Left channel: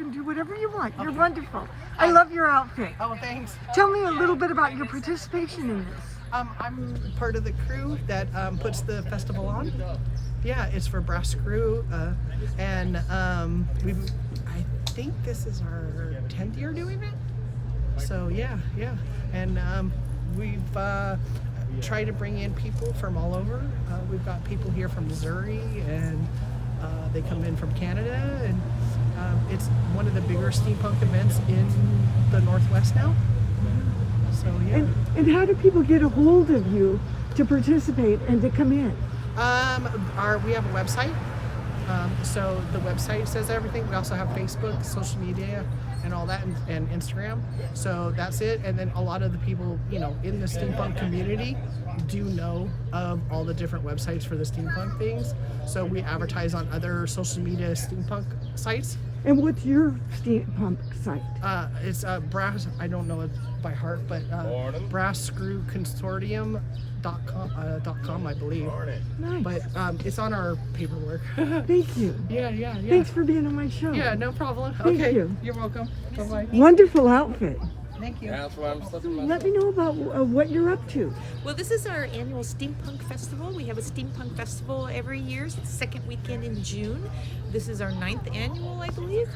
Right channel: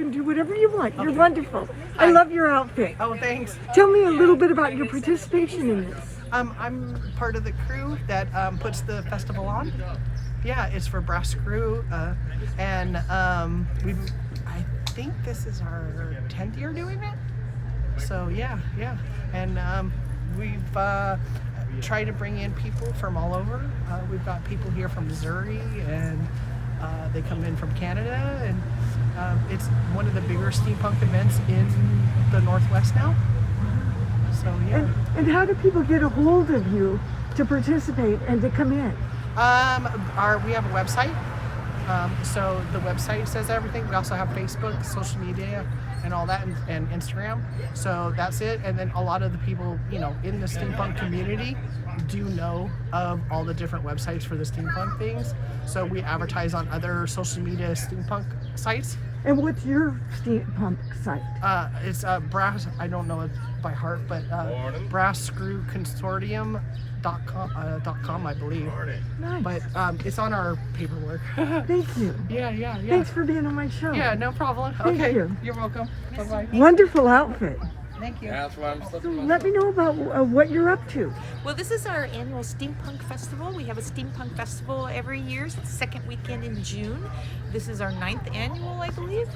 and do whatever you want. You're wonderful. I love your outfit. Oh, thanks. Tell me a little bit about your participation in this. I'm part of the crew that puts the festival on. Yeah, it's for Brass Crew, and I think this is our 10th year doing it. So yeah, and we've tried to bring in people from all over. We've got people here from Missouri, and they come in from Canada, and it's one of the bigger steampunk events in the Northwest now. So yeah. And how do people get a hold of you to participate and to come in? We have a website. So the website says everything. We also have Facebook, social media, and all that, and Instagram. So that's it. And then a lot of the people, in the steampunk community do know of all the different websites for the steampunk things. So we advertise on other social media steampunk sites. And what's your steampunk site? It's brass. I don't know it by heart, but brasscrewconsortium.com, I believe. Nice. But it's on our paperwork. Thank you. Yeah. Thanks for being on my show. Yeah, no problem. Thank Okay, you. You're welcome. Bye-bye. Wonderful outfit. Thank you. That's why I'm So let me know about what you're up to. Well, this is our annual Steampunk Festival. We have a Steampunk Festival every year. It's the second weekend in June. This is our 9th annual, I believe.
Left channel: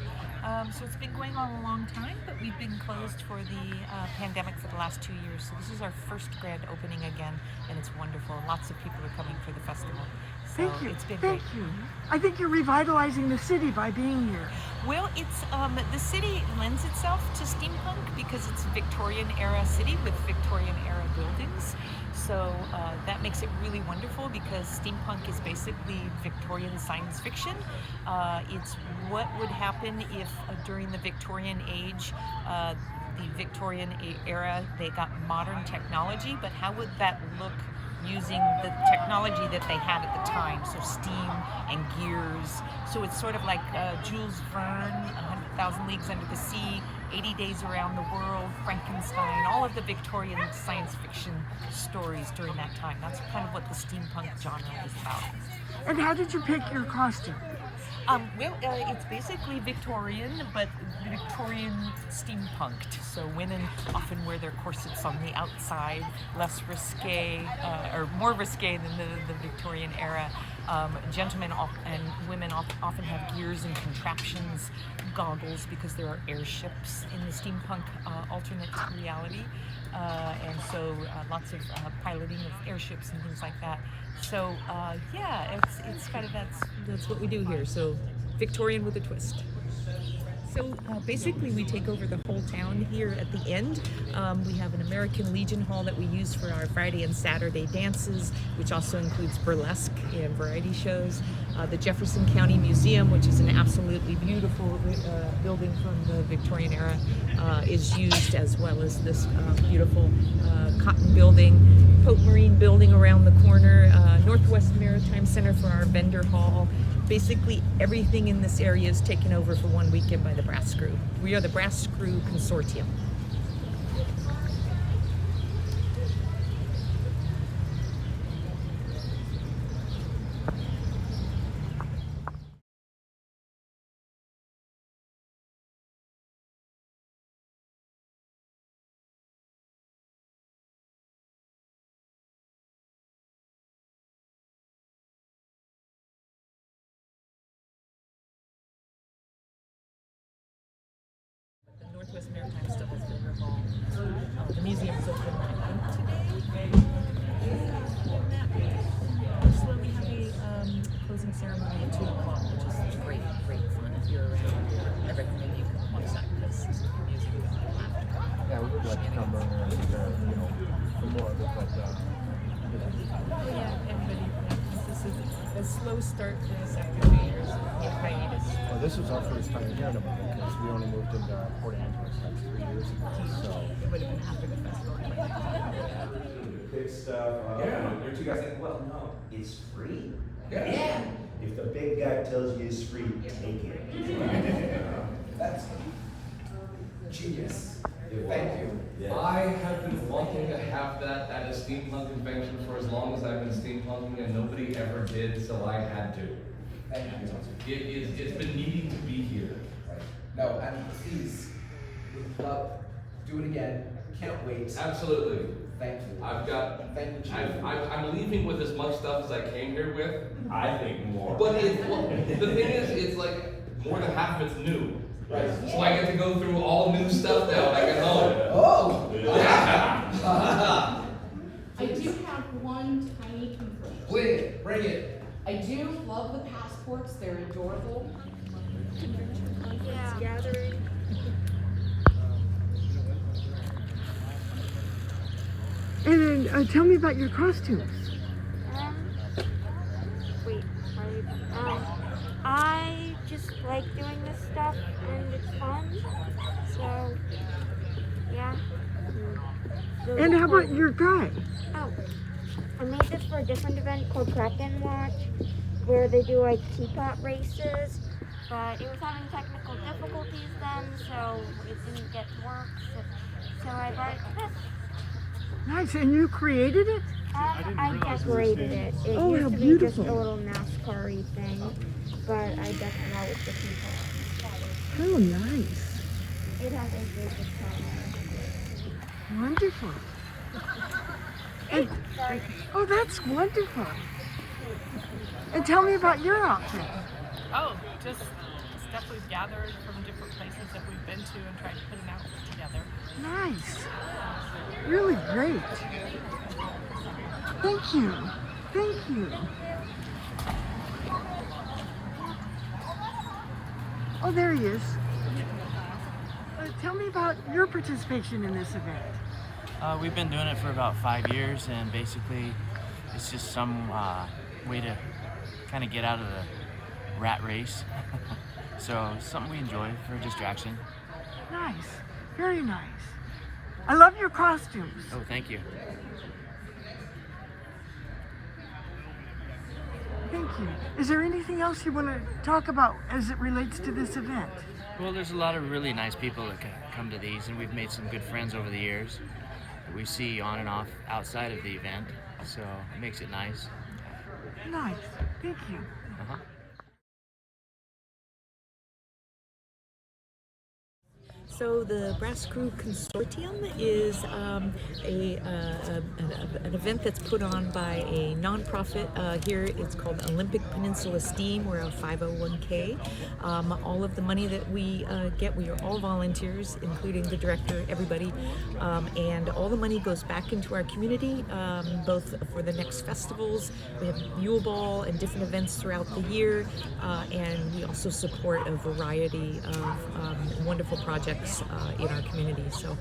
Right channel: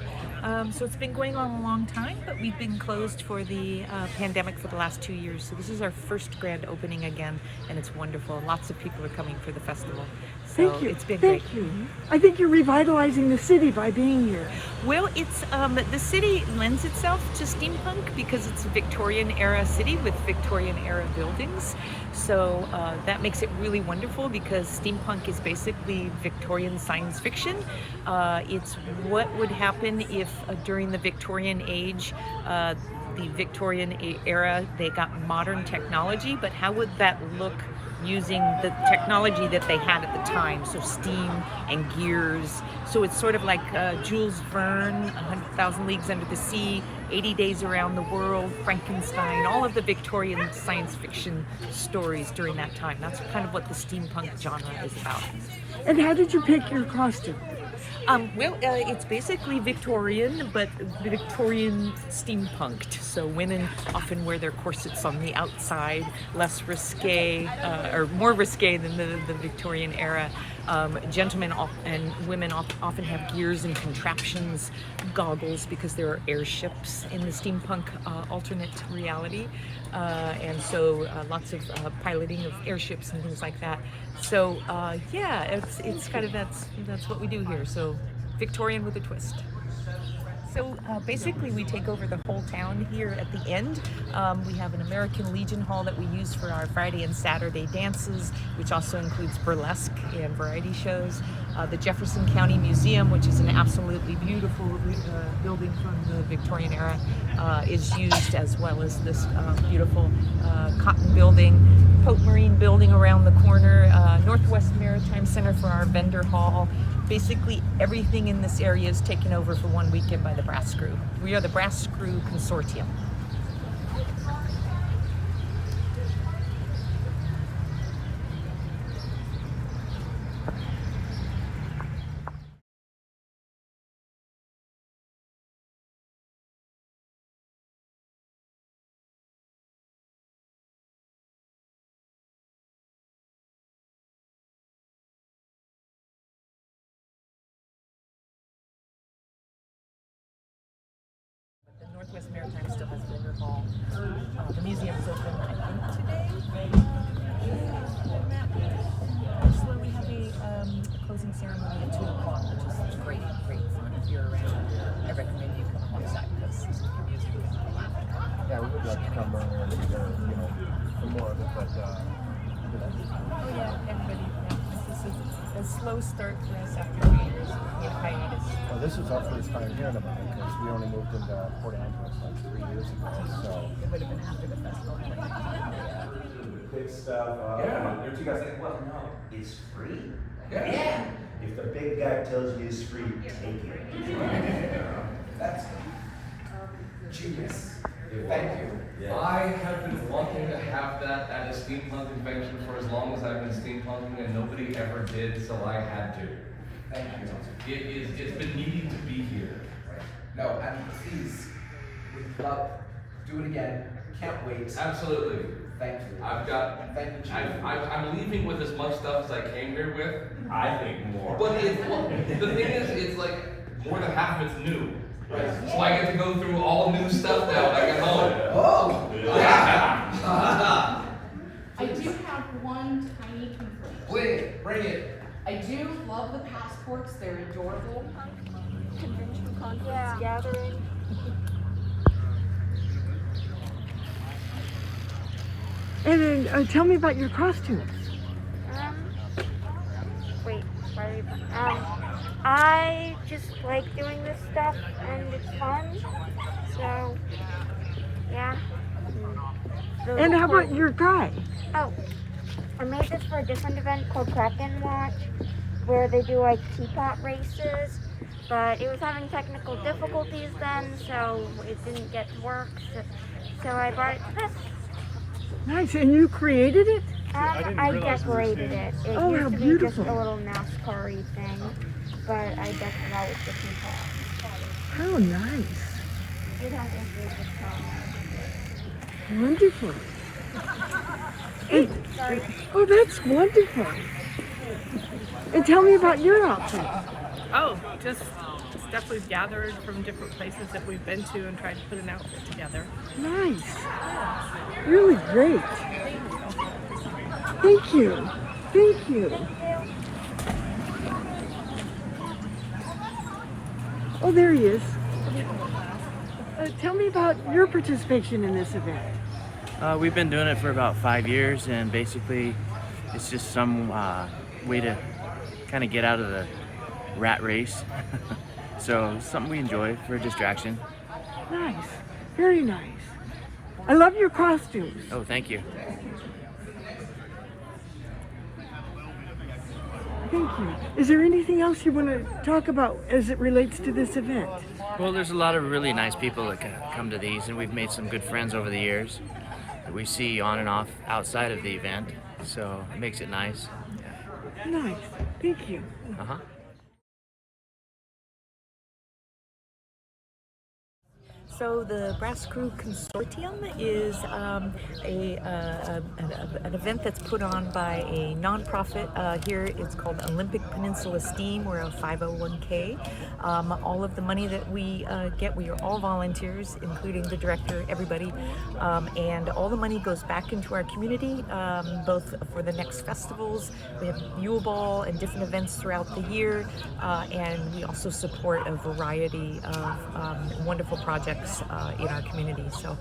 So it's been going on a long time, but we've been closed for the pandemic for the last 2 years. So this is our first grand opening again, and it's wonderful. Lots of people are coming for the festival. So Thank you. It's been Thank great. you. I think you're revitalizing the city by being here. Well, it's the city lends itself to steampunk because it's a Victorian era city with Victorian era buildings. So that makes it really wonderful because steampunk is basically Victorian science fiction. It's what would happen if during the Victorian age, the Victorian era, they got modern technology, but how would that look using the technology that they had at the time, so steam and gears. So it's sort of like Jules Verne, 100,000 Leagues Under the Sea, 80 Days Around the World, Frankenstein, all of the Victorian science fiction stories during that time. That's kind of what the steampunk genre is about. And how did you pick your costume? It's basically Victorian, but Victorian steampunked. So women often wear their corsets on the outside, less risque, or more risque than the Victorian era. Gentlemen and women often have gears and contraptions, goggles, because there are airships in the steampunk alternate reality. And so lots of piloting of airships and things like that. So yeah, it's kind of that's what we do here. So Victorian with a twist. So basically we take over the whole town here at the end. We have an American Legion Hall that we use for our Friday and Saturday dances, which also includes burlesque and variety shows. The Jefferson County Museum, which is an absolutely beautiful building from the Victorian era, is used, as well as this beautiful Cotton Building, Pope Marine Building around the corner, Northwest Maritime Center for our vendor hall. Basically everything in this area is taken over for one weekend by the Brass Crew. We are the Brass Crew Consortium. The Northwest Maritime still has vendor hall. The museum's open, I think, today. So we have a closing ceremony at 2 o'clock, which is great fun. If you're around, I recommend you come and watch that because the music is laughing. Yeah, we would like to come earlier and be there, for more of it, but Oh yeah, everybody. Yeah. This is a slow start for us after 2 years of hiatus. well, this is our first time hearing about it because we only moved into Port Angeles like 3 years ago, so. It would have been after the festival. But Big stuff. Don't you guys think, well, no, it's free? Yeah. If the big guy tells you it's free, take it. That's genius. Thank you. Yeah. I have been wanting to have that at a steampunk convention for as long as I've been steampunking, and nobody ever did, so I had to. Thank you. It's been needing to be here. No, Love. Do it again. Can't wait. Absolutely. Thank you. Thank you, Chief. I'm leaving with as much stuff as I came here with. I think more. But the thing is, it's like more than half of it's new. So I get to go through all new stuff now when I get home. Oh! Yeah. I do have one tiny complaint. Please, bring it. I do love the passports, they're adorable. Convention conference gathering. And then tell me about your costumes. Wait, why are you I just like doing this stuff and it's fun. So, yeah. And how about your guy? Oh, I made this for a different event called Kraken Watch, where they do like teapot races. But it was having technical difficulties then, so it didn't get to work. So I brought it to this. Nice, and you created it? I decorated it. It Oh, used how to be beautiful. just a little NASCAR-y thing, but I decked it out with the teapot. How nice. It has a good Wonderful. And, oh, that's wonderful. And tell me about your outfit. Oh, just stuff we've gathered from different places that we've been to and tried to put an outfit together. Nice. Really great. Thank you. Thank you. Oh, there he is. Tell me about your participation in this event. We've been doing it for about 5 years, and basically it's just some way to kind of get out of the rat race. So it's something we enjoy for distraction. Nice. Very nice. I love your costumes. Oh, thank you. Thank you. Is there anything else you want to talk about as it relates to this event? Well, there's a lot of really nice people that come to these, and we've made some good friends over the years that we see on and off outside of the event, so it makes it nice. Nice. Thank you. Uh-huh. So the Brass Crew Consortium is an event that's put on by a nonprofit here. It's called Olympic Peninsula Steam. We're a 501k. All of the money that we get, we are all volunteers, including the director, everybody, and all the money goes back into our community, both for the next festivals. We have Yule Ball and different events throughout the year, and we also support a variety of wonderful projects in our community. So.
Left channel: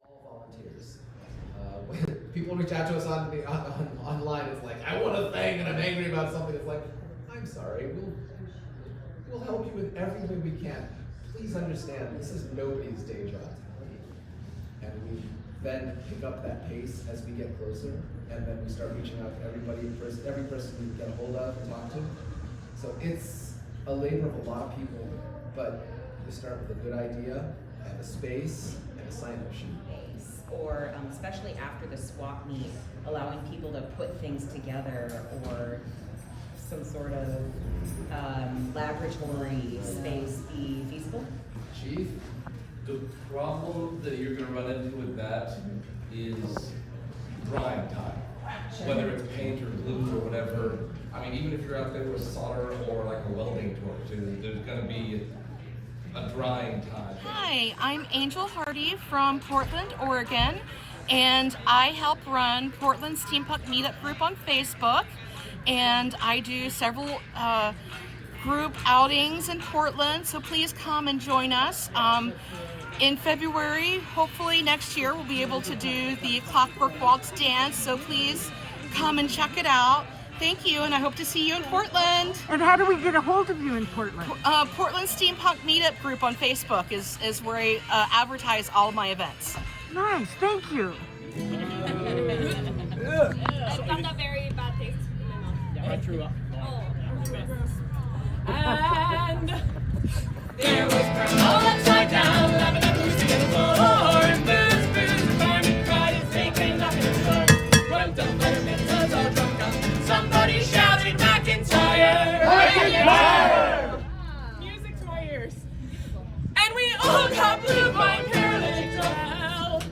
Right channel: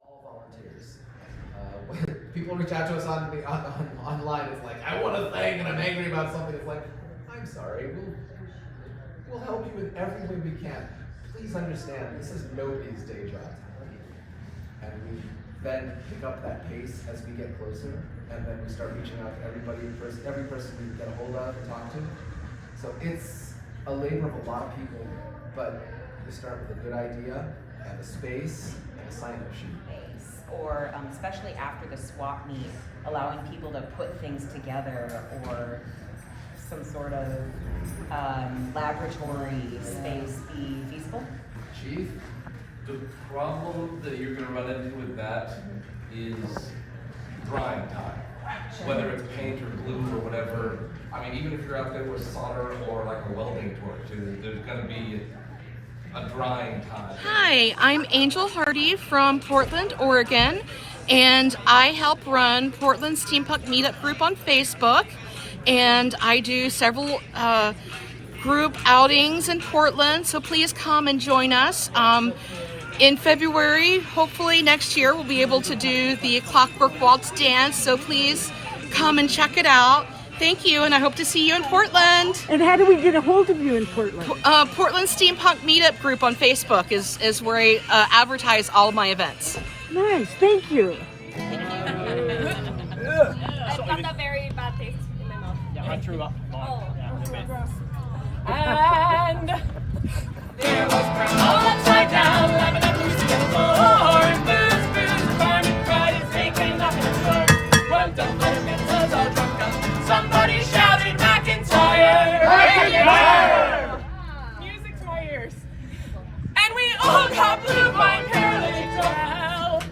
All volunteers. People reach out to us online. It's like, I want a thing and I'm angry about something. It's like, I'm sorry. We'll help you in every way we can. Please understand, this is nobody's day job. And we then pick up that pace as we get closer, and then we start reaching out to every person we get a hold of and talk to. So it's a labor of a lot of people, but you start with a good idea, have a space, and a sign-up sheet. Or especially after the swap meet, allowing people to put things together, or some sort of laboratory space be feasible? Chief? The problem that you're going to run into with that is drying time. Whether it's paint or glue or whatever. I mean, even if you're out there with solder or like a welding torch, there's going to be a drying time. Hi, I'm Angel Hardy from Portland, Oregon, and I help run Portland Steampunk Meetup Group on Facebook, and I do several group outings in Portland, so please come and join us. In February, hopefully next year, we'll be able to do the Clockwork Waltz dance, so please come and check it out. Thank you, and I hope to see you in Portland. And how do we get a hold of you in Portland? Portland Steampunk Meetup Group on Facebook is where I advertise all of my events. Nice, thank you. I got a very bad taste in my mouth. Yeah, I threw up. Oh, Yeah, a bit. And there was brown all upside down, laughing at the music and the floor. Booze, booze, farming pride is taking nothing to store. Well, don't let him in, 'cause all drunk up. Somebody shouted McIntyre. McIntyre! Music to my ears. And we all got blue by paralytic well.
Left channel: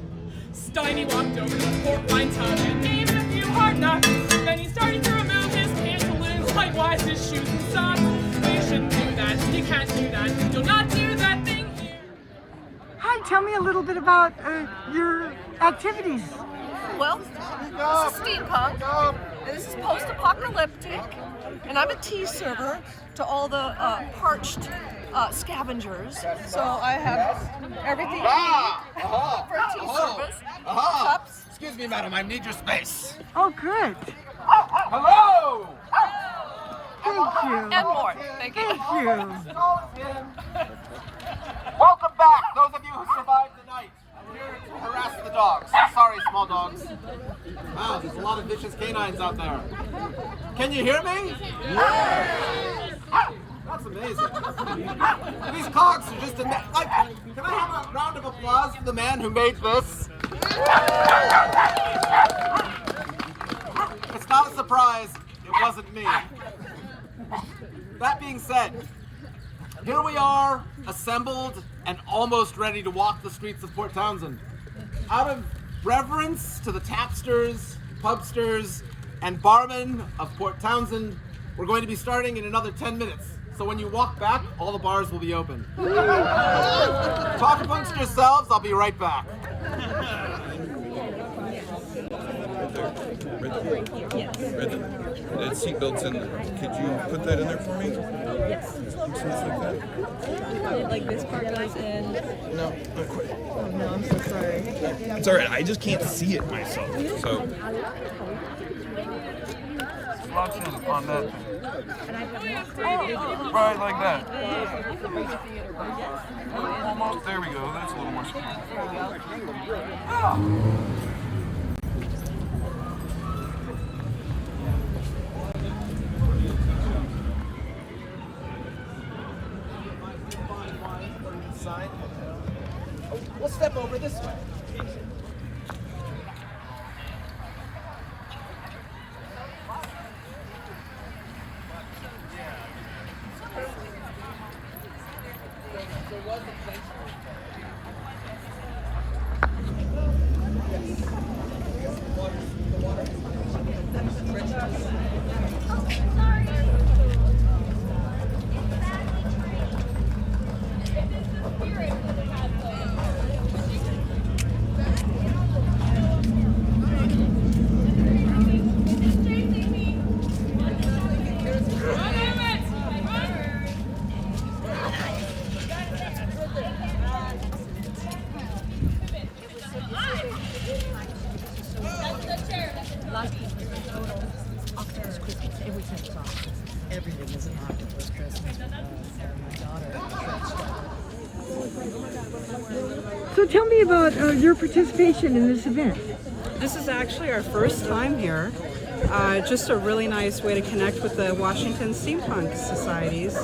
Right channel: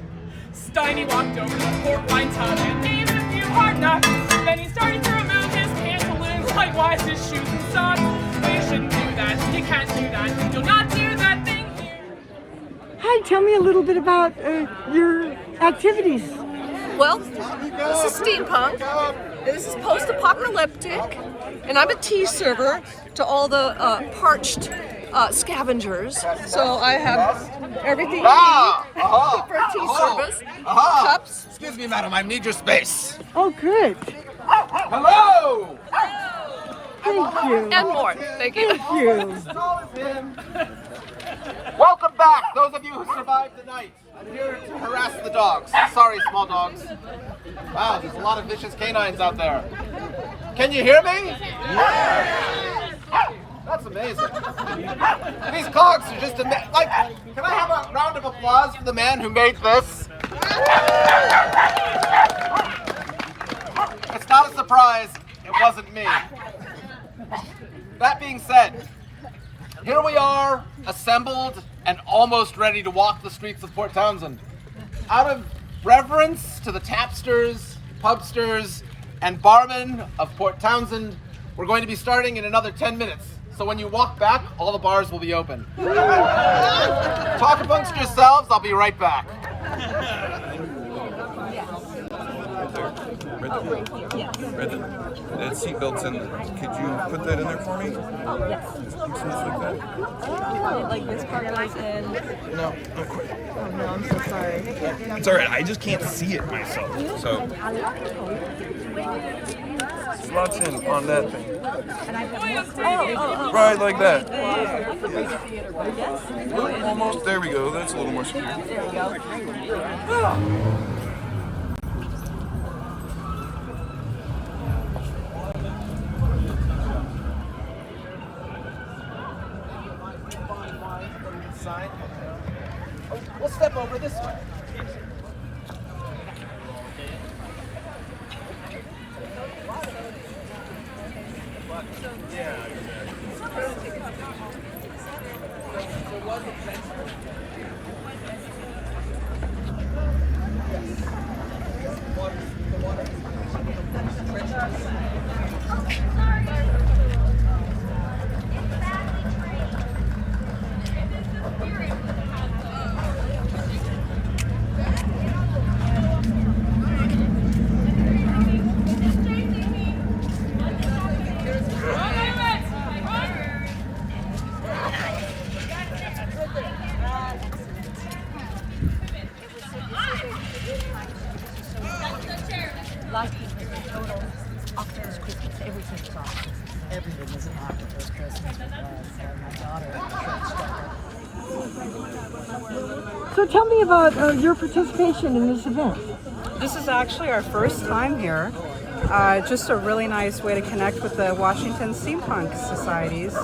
Steiny walked over to the port wine tub and gave it a few hard knocks. Then he started to remove his pantaloons, likewise his shoes and socks. You shouldn't do that. You can't do that. You'll not do that thing here. Hi, tell me a little bit about your activities. Well, this is Steampunk, and this is post-apocalyptic, and I'm a tea server to all the parched scavengers. So I have everything you need for a tea service. Cups. Excuse me, madam, I need your space. Oh, good. Hello! Thank you. And more. Thank you. Thank you. Welcome back, those of you who survived the night. I'm here to harass the dogs. Sorry, small dogs. Wow, there's a lot of vicious canines out there. Can you hear me? That's amazing. These cogs are just amazing. Like, can I have a round of applause for the man who made this? It's not a surprise. It wasn't me. That being said, here we are, assembled and almost ready to walk the streets of Port Townsend. Out of reverence to the tapsters, pubsters, and barmen of Port Townsend, we're going to be starting in another 10 minutes. So when you walk back, all the bars will be open. Talk amongst yourselves, I'll be right back. That seatbelt's in there. Could you put that in there for me? Oh, yes. Pieces like that? Like this part goes in. No, not quite. Oh no, I'm so sorry. It's alright, I just can't see it myself. So, slots in on that thing. Right, like that. Almost, there we go. That's a little more secure. There we go. We'll step over this way. Last Christmas, total octopus Christmas. Everything was octopus. Everything was an octopus Christmas because my daughter. So tell me about your participation in this event. This is actually our first time here. Just a really nice way to connect with the Washington Steampunk Societies,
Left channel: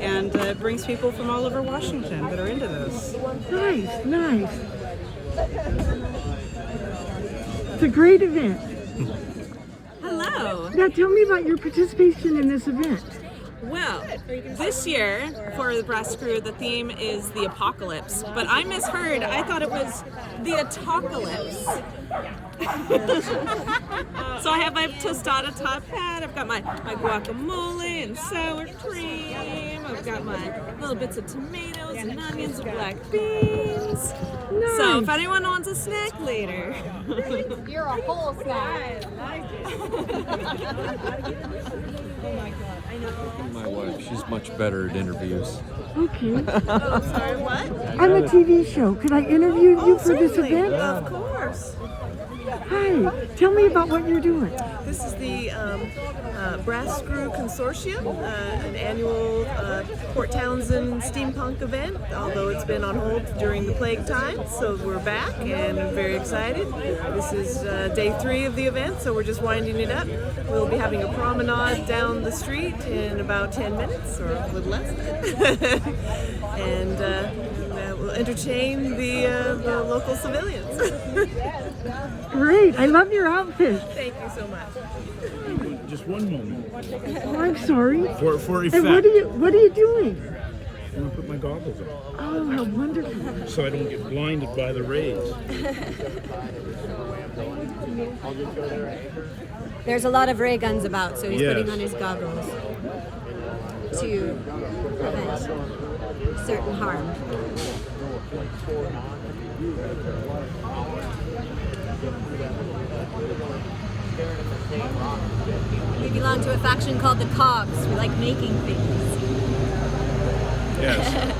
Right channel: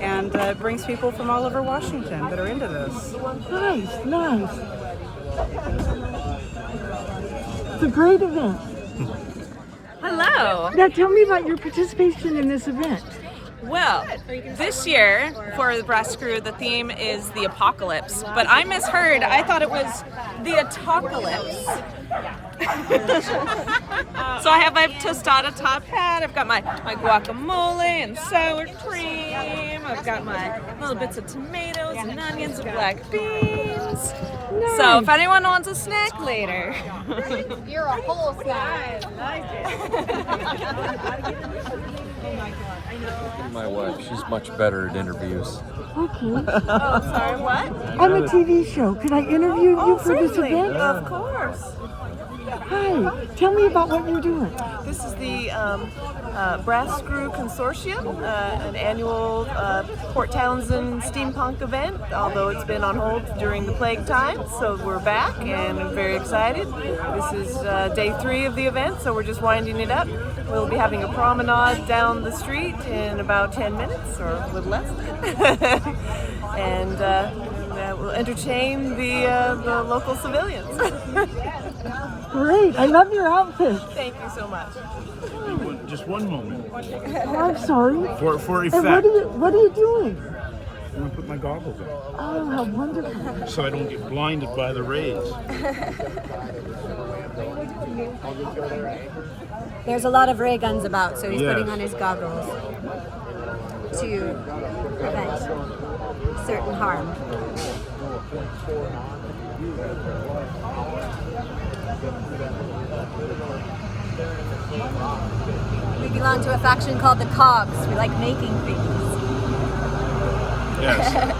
and it brings people from all over Washington that are into this. Nice, nice. It's a great event. Hello. Now tell me about your participation in this event. Well, this year for the Brass Crew, the theme is the apocalypse, but I misheard. I thought it was the atocalypse. So I have my tostada top hat, I've got my guacamole and sour cream, I've got my little bits of tomatoes and onions and black beans. Nice. So if anyone wants a snack later. You're a whole snack. My wife, she's much better at interviews. Okay. Oh, sorry, what? I'm a TV show. Could I interview you for this certainly. event? Of course. Hi. Tell me about what you're doing. This is the Brass Screw Consortium, an annual Port Townsend Steampunk event, although it's been on hold during the plague time, so we're back and I'm very excited. This is day 3 of the event, so we're just winding it up. We'll be having a promenade down the street in about 10 minutes, or a little less. And we'll entertain the local civilians. Great. I love your outfit. Thank you so much. Just one moment. Oh, I'm sorry. For effect. And what are you doing? I'm gonna put my goggles on Oh, how wonderful. so I don't get blinded by the rays. There's a lot of ray guns about, so he's Yes. putting on his goggles to prevent certain harm. We belong to a faction called the Cogs. We like making things. Yes.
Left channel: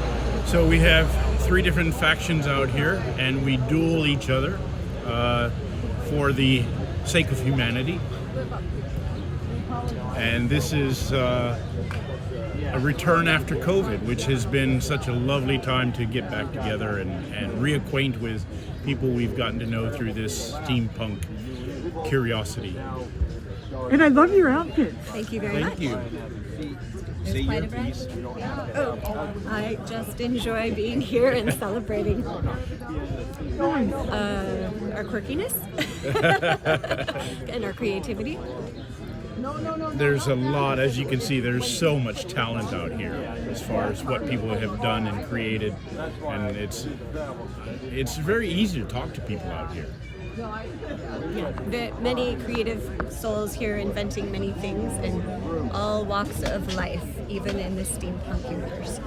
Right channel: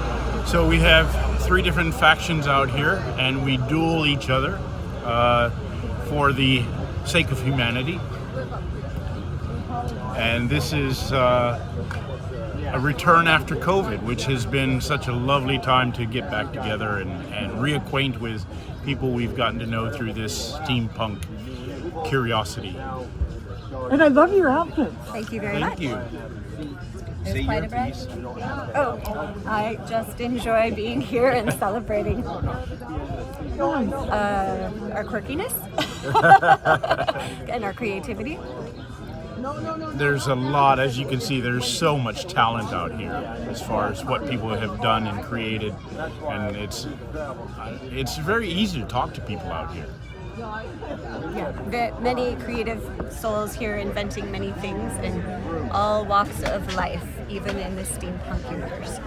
So we have 3 different factions out here, and we duel each other for the sake of humanity. And this is a return after COVID, which has been such a lovely time to get back together and reacquaint with people we've gotten to know through this steampunk curiosity. And I love your outfit. Thank you very much. Thank you. There's quite a breath. Oh, I just enjoy being here and celebrating our quirkiness and our creativity. There's a lot, as you can see, there's so much talent out here as far as what people have done and created, and it's very easy to talk to people out here. Yeah, many creative souls here inventing many things in all walks of life, even in the steampunk universe.